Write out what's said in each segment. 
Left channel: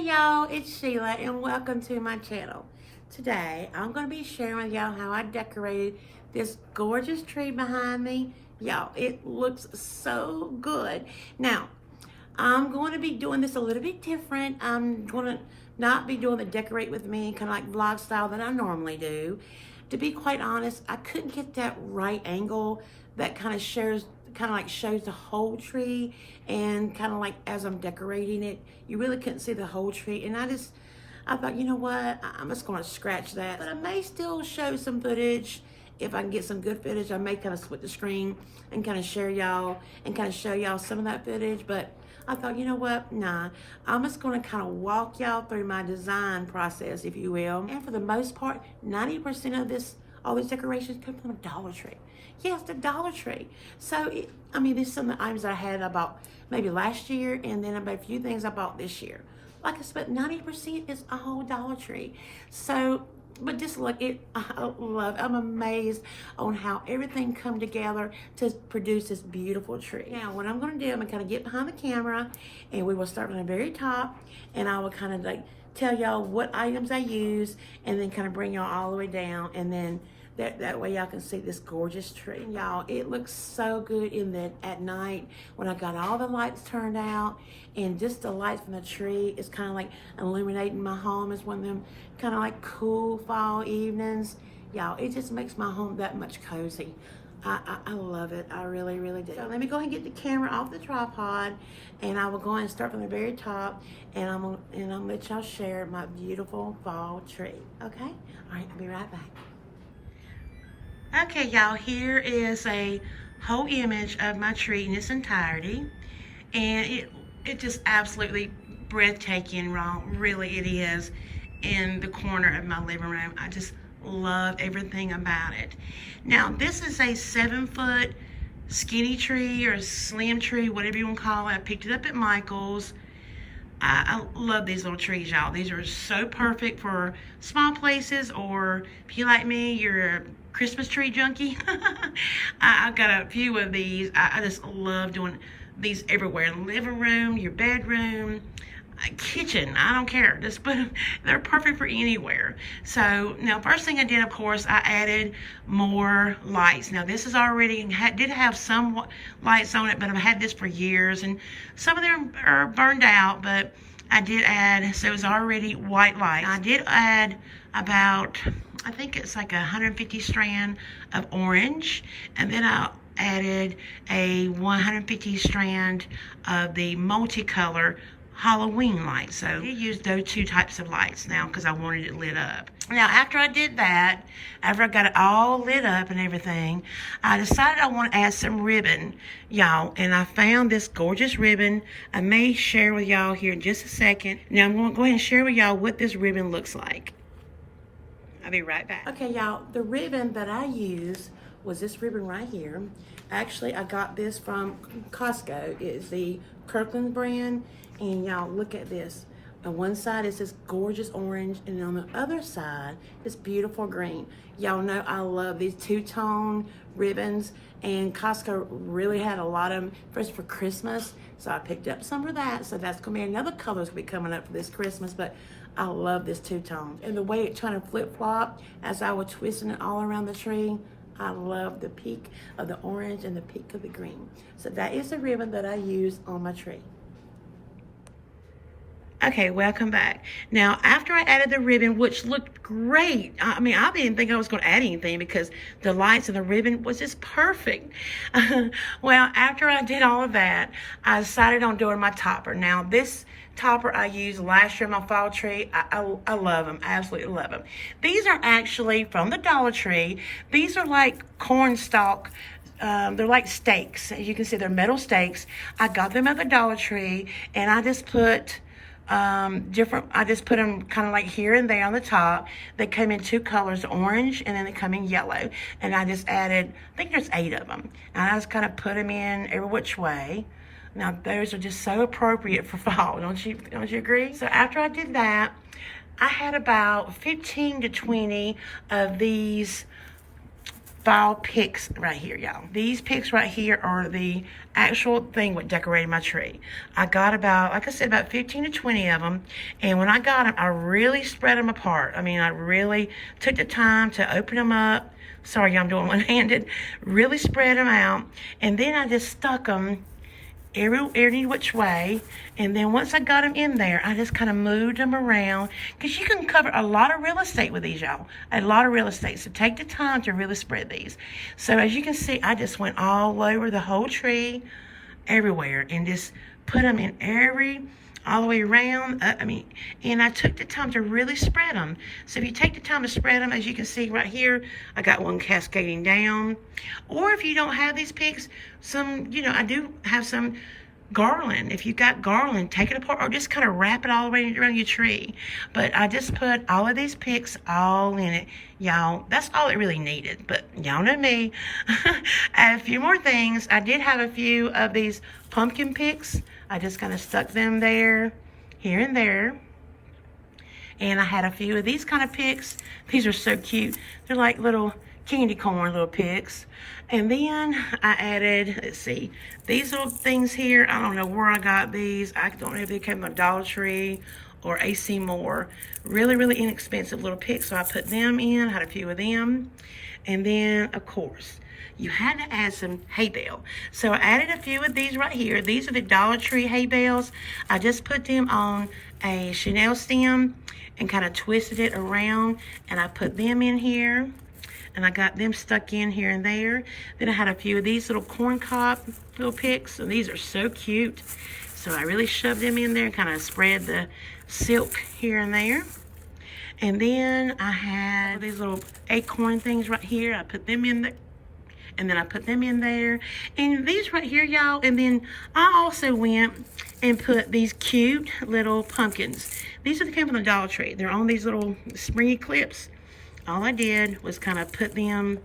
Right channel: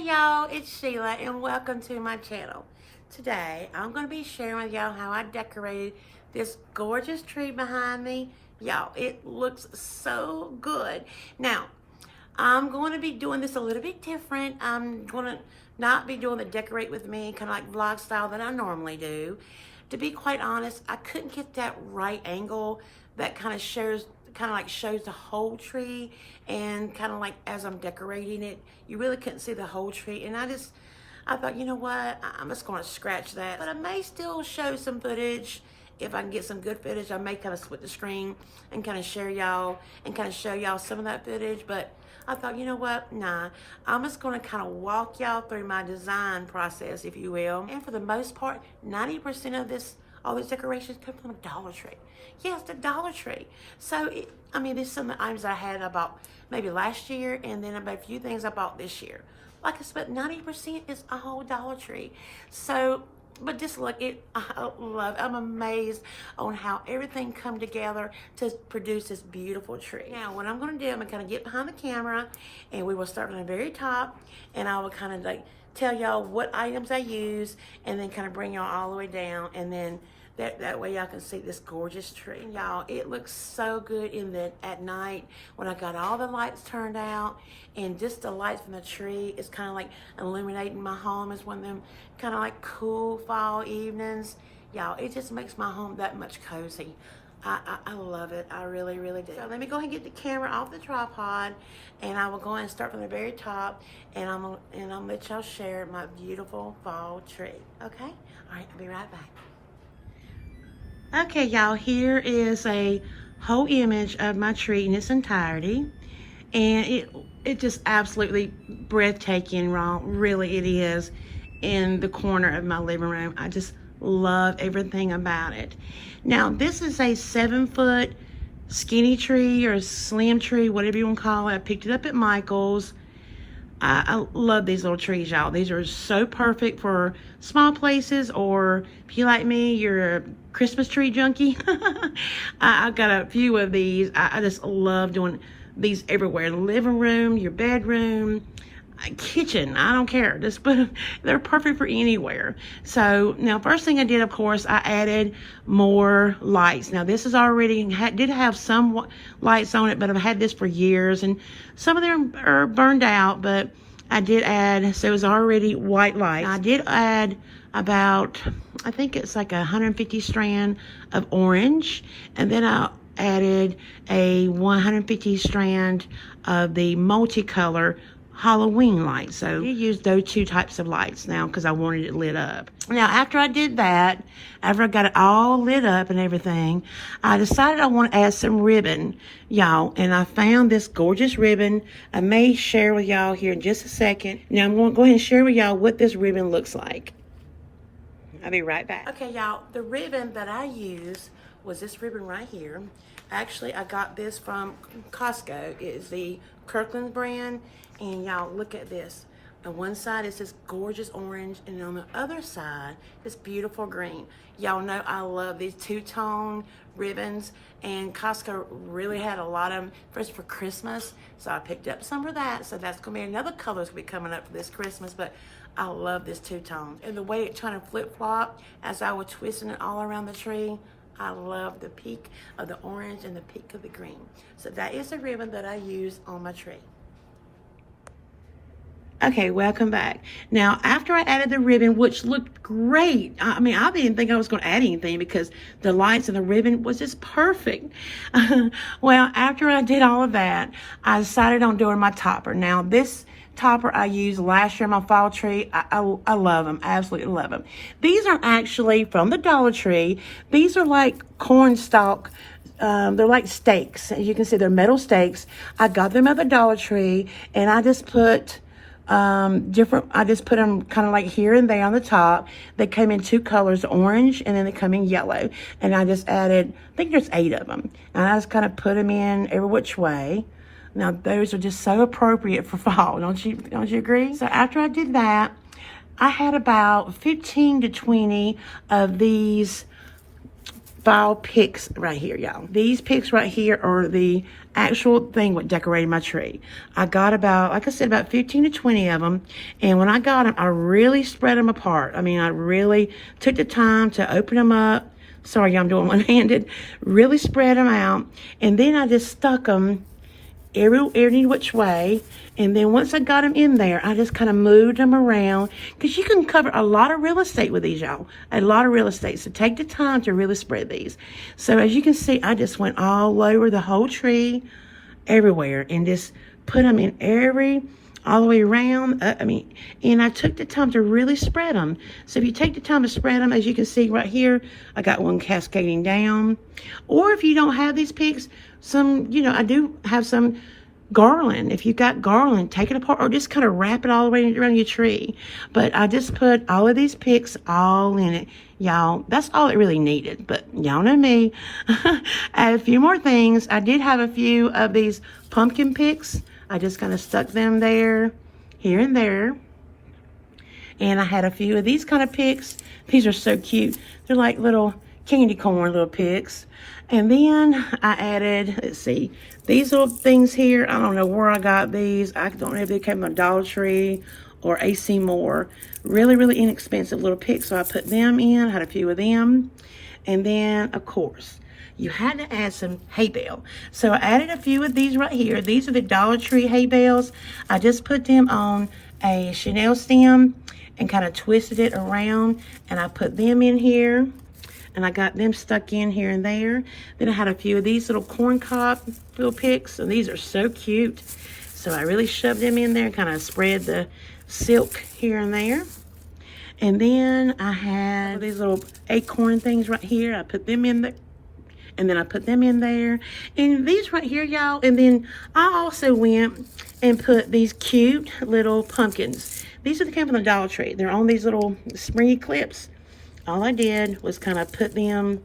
Hey y'all, it's Sheila and welcome to my channel. Today, I'm going to be sharing with y'all how I decorated this gorgeous tree behind me. Y'all, it looks so good. Now, I'm going to be doing this a little bit different. I'm going to not be doing the decorate with me kind of like vlog style that I normally do. To be quite honest, I couldn't get that right angle that kind of shows the whole tree, and kind of like as I'm decorating it, you really couldn't see the whole tree. And I thought, you know what, I'm just going to scratch that. But I may still show some footage. If I can get some good footage, I may kind of split the screen and kind of share y'all and kind of show y'all some of that footage. But I thought, you know what, nah, I'm just going to kind of walk y'all through my design process, if you will. And for the most part, 90% of all these decorations come from a Dollar Tree. Yes, the Dollar Tree. So, there's some of the items I had about maybe last year, and then about a few things I bought this year. Like I said, 90% is all Dollar Tree. So, but just look, I'm amazed on how everything come together to produce this beautiful tree. Now, what I'm going to do, I'm going to kind of get behind the camera, and we will start from the very top, and I will kind of like tell y'all what items I use, and then kind of bring y'all all the way down, and then that way y'all can see this gorgeous tree. Y'all, it looks so good at night when I got all the lights turned out, and just the light from the tree is kind of like illuminating my home. It's one of them kind of like cool fall evenings. Y'all, it just makes my home that much cozy. I love it. I really, really do. So let me go ahead and get the camera off the tripod, and I will go ahead and start from the very top, and I'm gonna let y'all share my beautiful fall tree. Okay? All right, I'll be right back. Okay, y'all, here is a whole image of my tree in its entirety, and it just absolutely breathtaking, really it is, in the corner of my living room. I just love everything about it. Now, this is a 7-foot skinny tree or slim tree, whatever you want to call it. I picked it up at Michael's. I love these little trees, y'all. These are so perfect for small places, or if you like me, you're a Christmas tree junkie. I've got a few of these. I just love doing these everywhere. The living room, your bedroom, kitchen, I don't care. Just put them, they're perfect for anywhere. So now, first thing I did, of course, I added more lights. Now, this is already did have some lights on it, but I've had this for years, and some of them are burned out, but I did add, so it was already white light. I did add about, I think it's like 150 strand of orange, and then I added a 150 strand of the multicolor Halloween lights. So I used those two types of lights now because I wanted it lit up. Now, after I did that, after I got it all lit up and everything, I decided I want to add some ribbon, y'all. And I found this gorgeous ribbon. I may share with y'all here in just a second. Now, I'm going to go ahead and share with y'all what this ribbon looks like. I'll be right back. Okay, y'all, the ribbon that I used was this ribbon right here. Actually, I got this from Costco. It's the Kirkland brand. And y'all, look at this. On one side is this gorgeous orange, and on the other side, this beautiful green. Y'all know I love these two-tone ribbons, and Costco really had a lot of them first for Christmas. So I picked up some of that. So that's gonna be another color to be coming up for this Christmas. But I love this two-tone. And the way it kind of flip-flop as I was twisting it all around the tree, I love the peak of the orange and the peak of the green. So that is the ribbon that I use on my tree. Okay, welcome back. Now, after I added the ribbon, which looked great. I didn't think I was going to add anything because the lights and the ribbon was just perfect. Well, after I did all of that, I decided on doing my topper. Now, this topper I used last year on my fall tree. I love them. I absolutely love them. These are actually from the Dollar Tree. These are like corn stalk. They're like stakes. As you can see, they're metal stakes. I got them at the Dollar Tree, and I just put I just put them kind of like here and there on the top. They come in two colors, orange, and then they come in yellow. And I just added, I think there's 8 of them. And I just kind of put them in every which way. Now, those are just so appropriate for fall. Don't you agree? So after I did that, I had about 15 to 20 of these fall picks right here, y'all. These picks right here are the actual thing with decorating my tree. I got about, like I said, about 15 to 20 of them. And when I got them, I really spread them apart. I mean, I really took the time to open them up. Sorry, y'all, I'm doing one-handed. Really spread them out. And then I just stuck them every which way. And then once I got them in there, I just kind of moved them around, because you can cover a lot of real estate with these, y'all. A lot of real estate. So take the time to really spread these. So as you can see, I just went all over the whole tree, everywhere, and just put them in all the way around. And I took the time to really spread them. So if you take the time to spread them, as you can see right here, I got one cascading down. Or if you don't have these picks, I do have some garland. If you got garland, take it apart or just kind of wrap it all the way around your tree. But I just put all of these picks all in it. Y'all, that's all it really needed. But y'all know me. Add a few more things. I did have a few of these pumpkin picks. I just kind of stuck them there, here and there. And I had a few of these kind of picks. These are so cute. They're like little candy corn little picks. And then I added, let's see, these little things here. I don't know where I got these. I don't know if they came from Dollar Tree or AC Moore. Really, really inexpensive little picks. So I put them in, had a few of them. And then, of course, you had to add some hay bale. So I added a few of these right here. These are the Dollar Tree hay bales. I just put them on a chenille stem and kind of twisted it around. And I put them in here. And I got them stuck in here and there. Then I had a few of these little corn cob little picks. And these are so cute. So I really shoved them in there and kind of spread the silk here and there. And then I had these little acorn things right here. I put them in there. And then I put them in there. And these right here, y'all. And then I also went and put these cute little pumpkins. These are the came from the Dollar Tree. They're on these little springy clips. All I did was kind of put them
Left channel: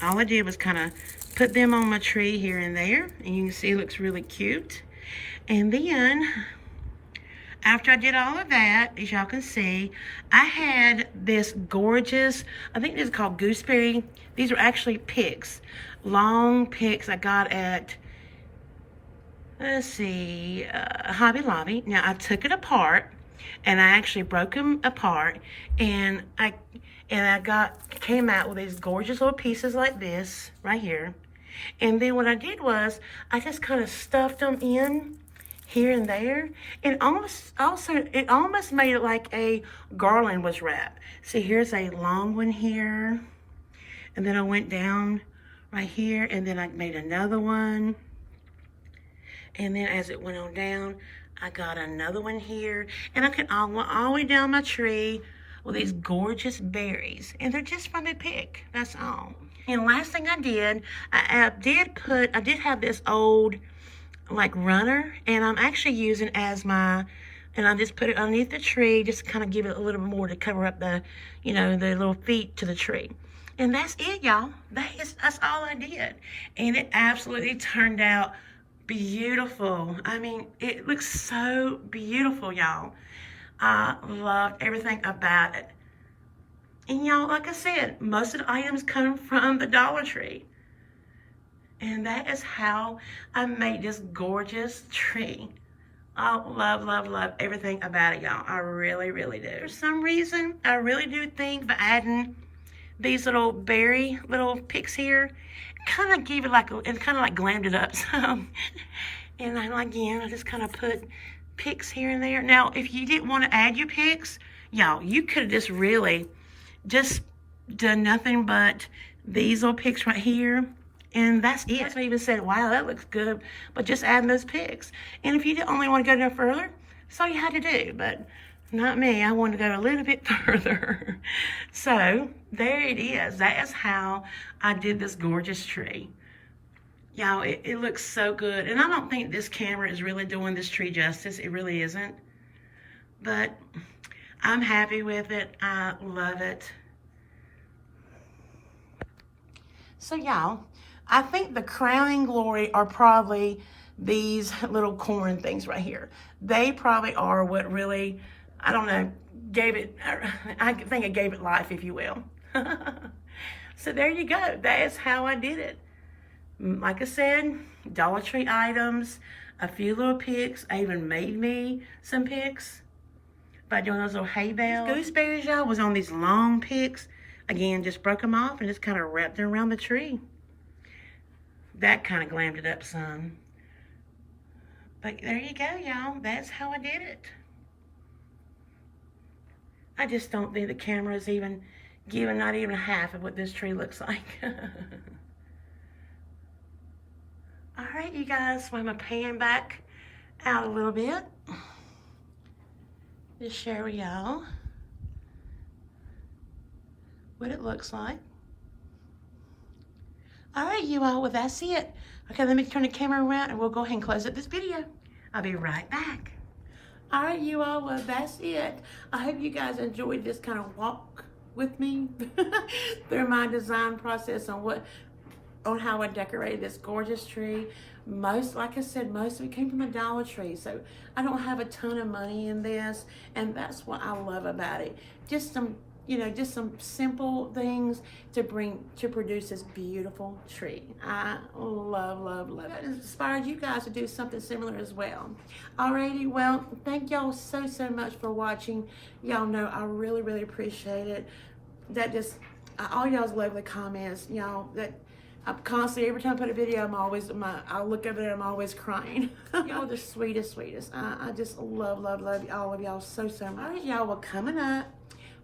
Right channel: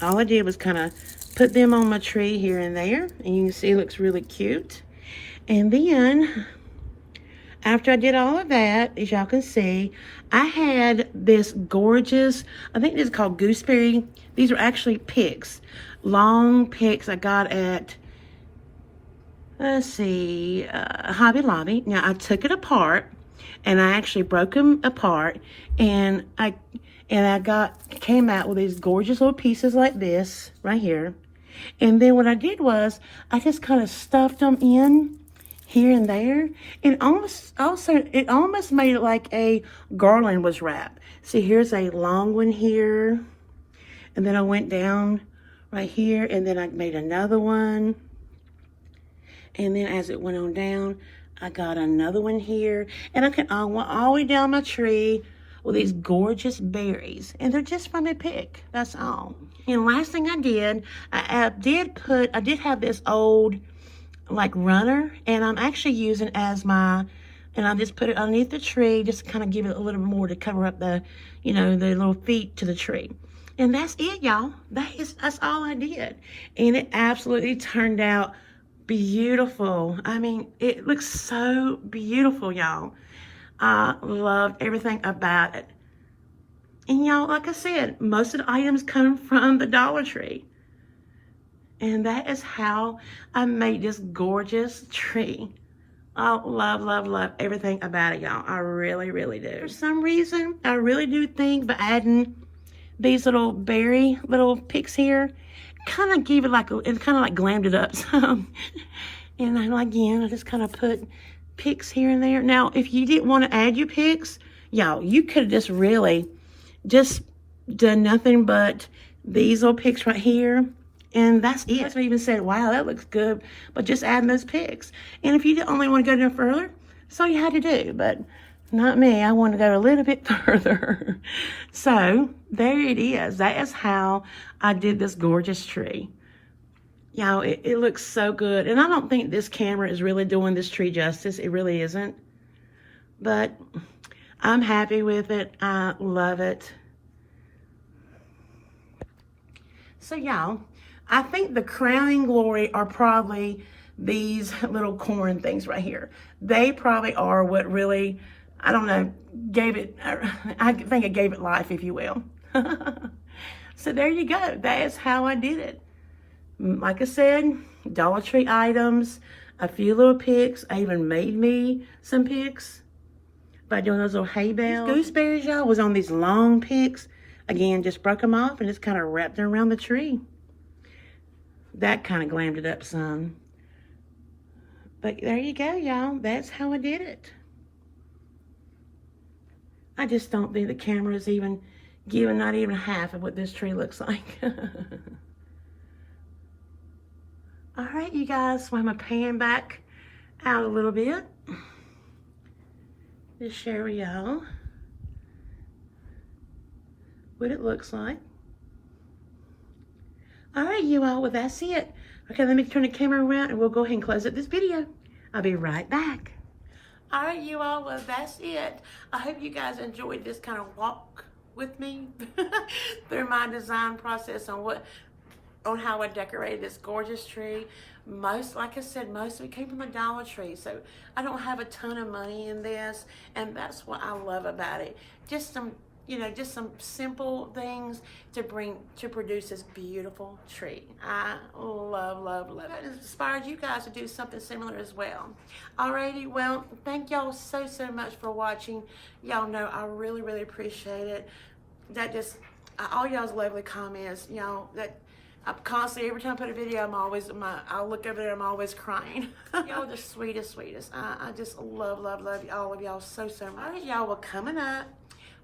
on my tree here and there. And you can see it looks really cute. And then, after I did all of that, as y'all can see, I had this gorgeous, I think this is called gooseberry. These are actually picks. Long picks I got at, let's see, Hobby Lobby. Now, I took it apart. And I actually broke them apart, and I came out with these gorgeous little pieces like this right here. And then what I did was I just kind of stuffed them in here and there, and it almost made it like a garland was wrapped. See, here's a long one here, and then I went down right here, and then I made another one, and then as it went on down, I got another one here, and I went all the way down my tree with these gorgeous berries, and they're just from a pick. That's all. And last thing I did, I did have this old like runner, and I'm actually using as my, and I just put it underneath the tree, just to kind of give it a little more to cover up the, the little feet to the tree. And that's it, y'all. That's all I did, and it absolutely turned out beautiful. I mean, it looks so beautiful, y'all. I loved everything about it. And y'all, like I said, most of the items come from the Dollar Tree. And that is how I made this gorgeous tree. I love, love, love everything about it, y'all. I really, really do. For some reason, I really do think by adding these little berry little picks here, kind of gave it it kind of like glammed it up some. And then again, I just kind of put picks here and there. Now, if you didn't want to add your picks, y'all, you could have just really just done nothing but these little picks right here. And that's it. That's what I even said, wow, that looks good. But just adding those picks. And if you only want to go no further, that's all you had to do. But not me. I want to go a little bit further. So there it is. That is how I did this gorgeous tree. Y'all, it looks so good. And I don't think this camera is really doing this tree justice. It really isn't. But I'm happy with it. I love it. So y'all, I think the crowning glory are probably these little corn things right here. They probably are what really, I don't know, I think it gave it life, if you will. So there you go. That is how I did it. Like I said, Dollar Tree items, a few little picks. I even made me some picks by doing those little hay bales. These gooseberries, y'all, was on these long picks. Again, just broke them off and just kind of wrapped them around the tree. That kind of glammed it up some. But there you go, y'all. That's how I did it. I just don't think the camera is even giving not even half of what this tree looks like. All right, you guys, so I'm going to pan back out a little bit. Just share with y'all what it looks like. All right, you all, well, that's it. Okay, let me turn the camera around and we'll go ahead and close up this video. I'll be right back. All right, you all, well, that's it. I hope you guys enjoyed this kind of walk with me through my design process on how I decorated this gorgeous tree. Like I said, most of it came from a Dollar Tree, so I don't have a ton of money in this, and that's what I love about it. Just some, just some simple things to produce this beautiful tree. I love, love, love it. It inspires you guys to do something similar as well. Alrighty, well, thank y'all so much for watching. Y'all know I really, really appreciate it. All y'all's lovely comments, y'all, that I'm constantly, every time I put a video, I'll look over there, I'm always crying. Y'all are the sweetest. I just love all of y'all so much. All right, y'all, well, coming up,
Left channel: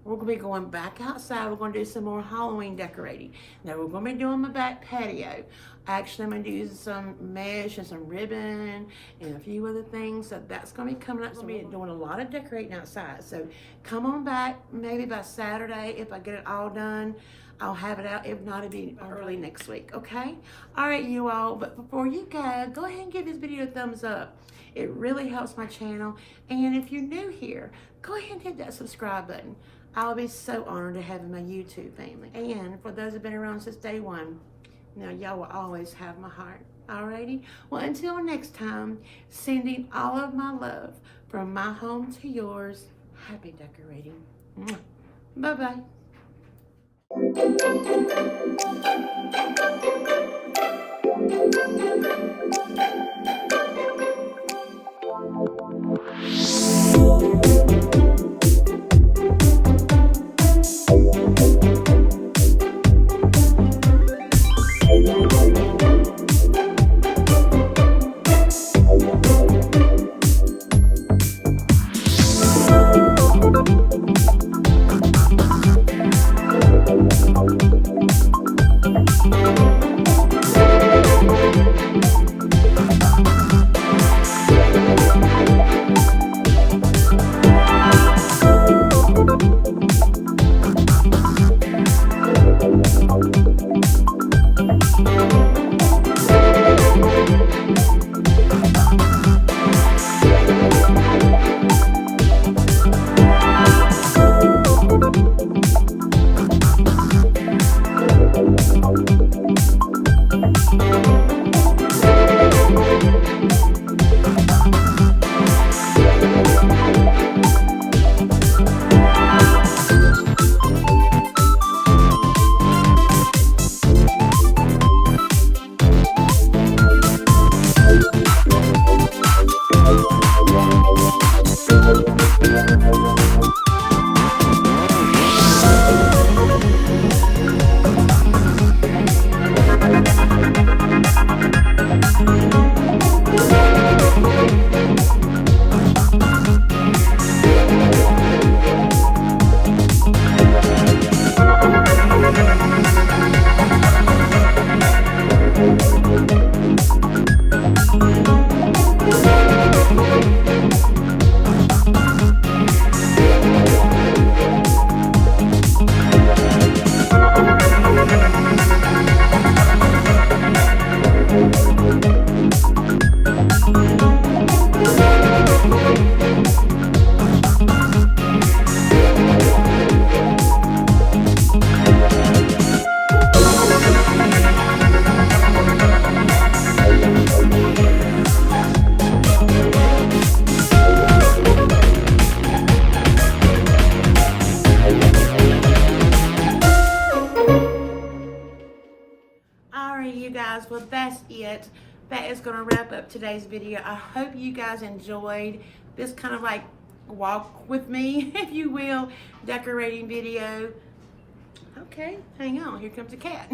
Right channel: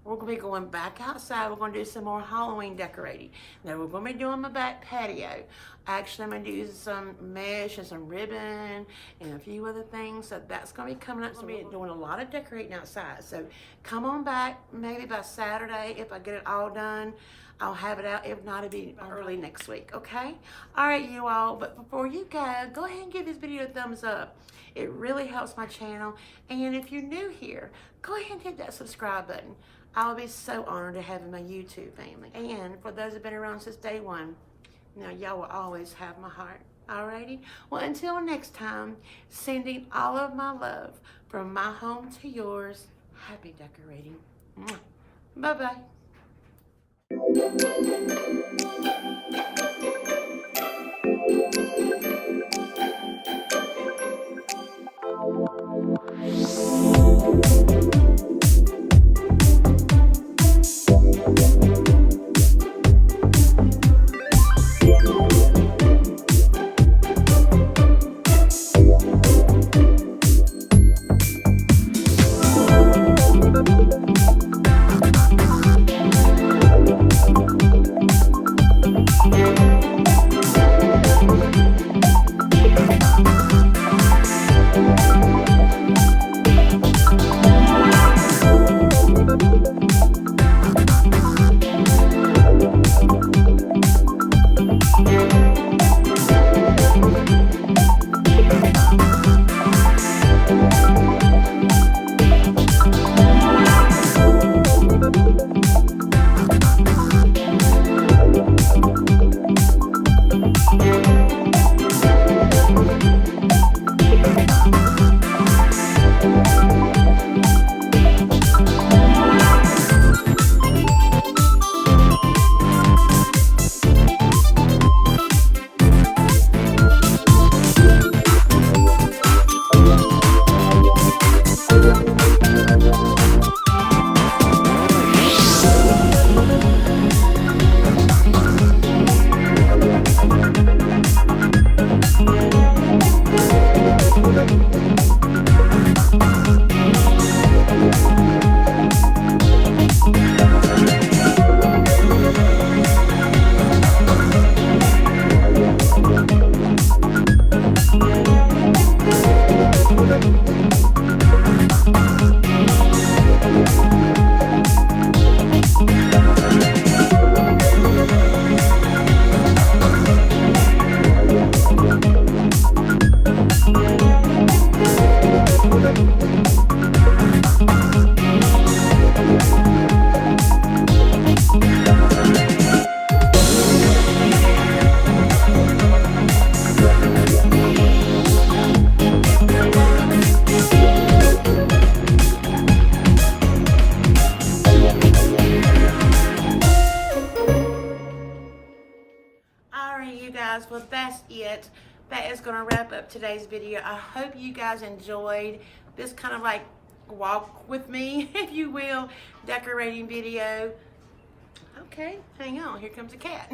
we're going to be going back outside. We're going to do some more Halloween decorating. Now, we're going to be doing my back patio. Actually, I'm going to do some mesh and some ribbon and a few other things. So that's going to be coming up. I'm going to be doing a lot of decorating outside. So come on back, maybe by Saturday, if I get it all done. I'll have it out. If not, it'll be early next week, okay? All right, you all. But before you go ahead and give this video a thumbs up. It really helps my channel. And if you're new here, go ahead and hit that subscribe button. I'll be so honored to have you in my YouTube family. And for those who've been around since day one, y'all will always have my heart. Alrighty? Well, until next time, sending all of my love from my home to yours. Happy decorating. Bye-bye. Alright, you guys, well, that's it. That is going to wrap up today's video. I hope you guys enjoyed this kind of like walk with me, if you will, decorating video. Okay, hang on. Here comes a cat.